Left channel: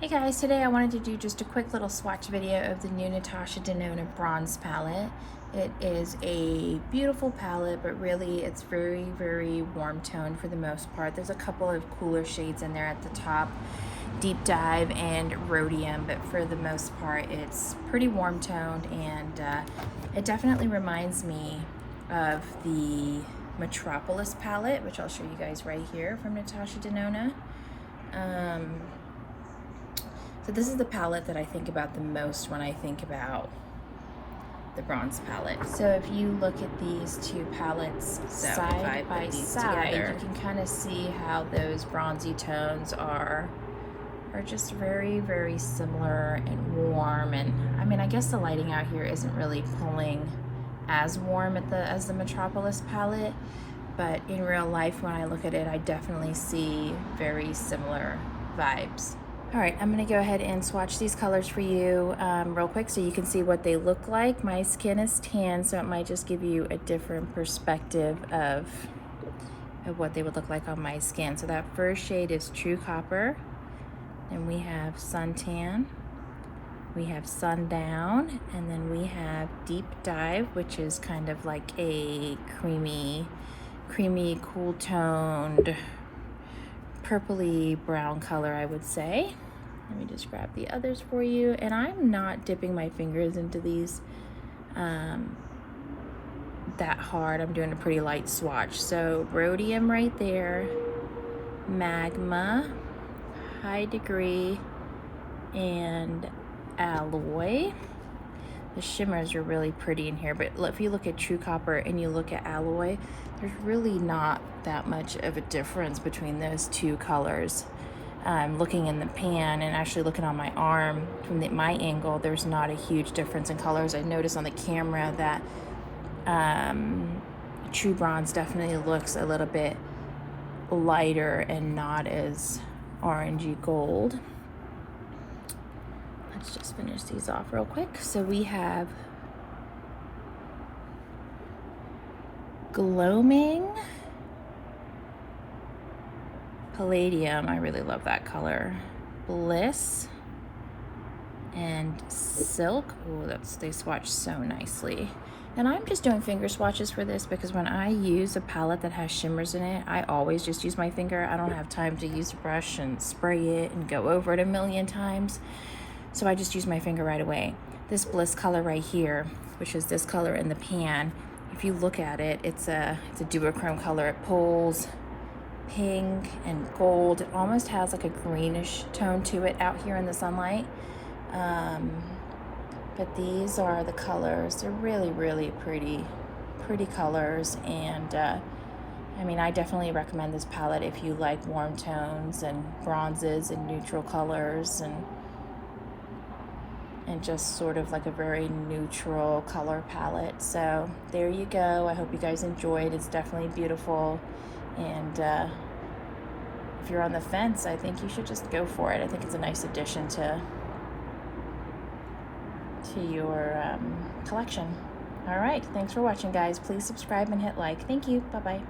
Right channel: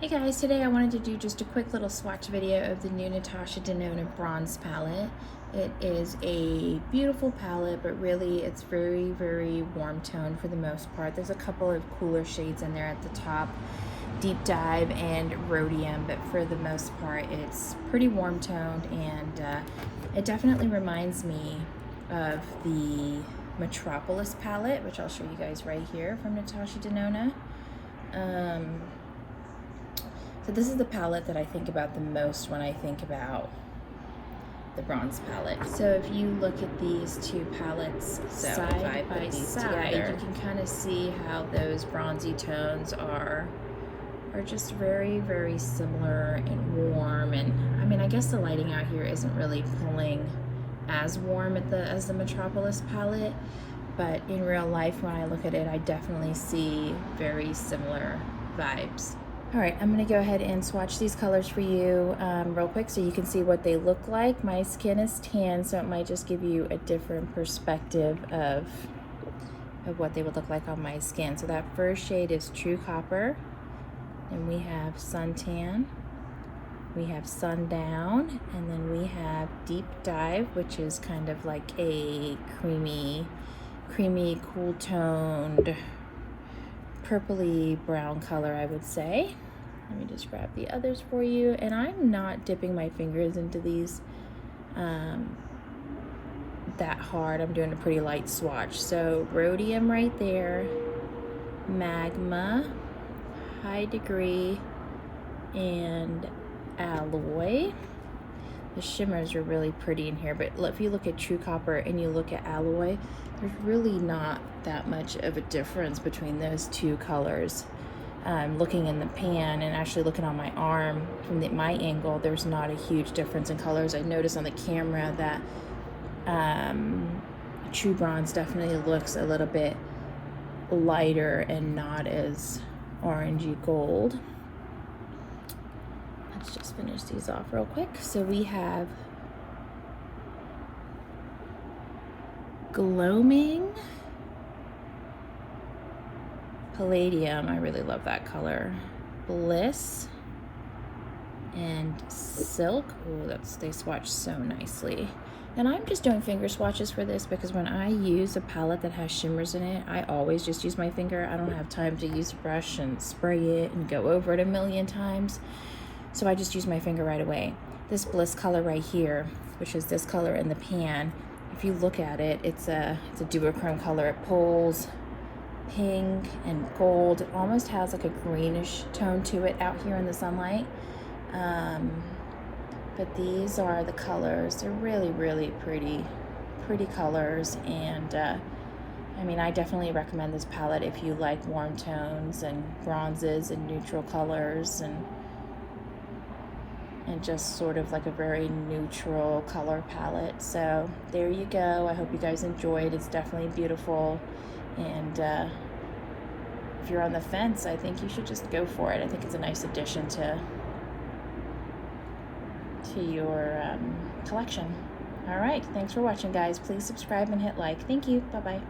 Hey guys, today I wanted to do just a quick little swatch video of the new Natasha Denona Bronze palette. It is a beautiful palette, but really it's very, very warm toned for the most part. There's a couple of cooler shades in there at the top, Deep Dive and Rhodium, but for the most part it's pretty warm toned, and it definitely reminds me of the Metropolis palette, which I'll show you guys right here from Natasha Denona. So this is the palette that I think about the most when I think about the bronze palette. So if you look at these two palettes side by side, you can kind of see how those bronzy tones are just very, very similar and warm. And I mean, I guess the lighting out here isn't really pulling as warm as the Metropolis palette, but in real life, when I look at it, I definitely see very similar vibes. All right, I'm gonna go ahead and swatch these colors for you real quick so you can see what they look like. My skin is tan, so it might just give you a different perspective of what they would look like on my skin. So that first shade is True Copper, and we have Suntan, we have Sundown, and then we have Deep Dive, which is kind of like a creamy, cool toned, purpley brown color, I would say. Let me just grab the others for you. And I'm not dipping my fingers into these that hard. I'm doing a pretty light swatch. So Rhodium right there, Magma, High Degree, and Alloy. The shimmers are really pretty in here, but if you look at True Copper and you look at Alloy, there's really not that much of a difference between those two colors. Looking in the pan and actually looking on my arm from my angle, there's not a huge difference in colors. I noticed on the camera that True Bronze definitely looks a little bit lighter and not as orangey gold. Let's just finish these off real quick. So we have Gloaming Palladium, I really love that color. Bliss and Silk. Oh, they swatch so nicely. And I'm just doing finger swatches for this because when I use a palette that has shimmers in it, I always just use my finger. I don't have time to use a brush and spray it and go over it a million times. So I just use my finger right away. This Bliss color right here, which is this color in the pan, if you look at it, it's a duochrome color. It pulls pink and gold. It almost has like a greenish tone to it out here in the sunlight. But these are the colors. They're really, really pretty colors. And I mean, I definitely recommend this palette if you like warm tones and bronzes and neutral colors and just sort of like a very neutral color palette. So there you go. I hope you guys enjoyed. It's definitely beautiful. And if you're on the fence, I think you should just go for it. I think it's a nice addition to your collection. All right, thanks for watching, guys. Please subscribe and hit like. Thank you. Bye-bye.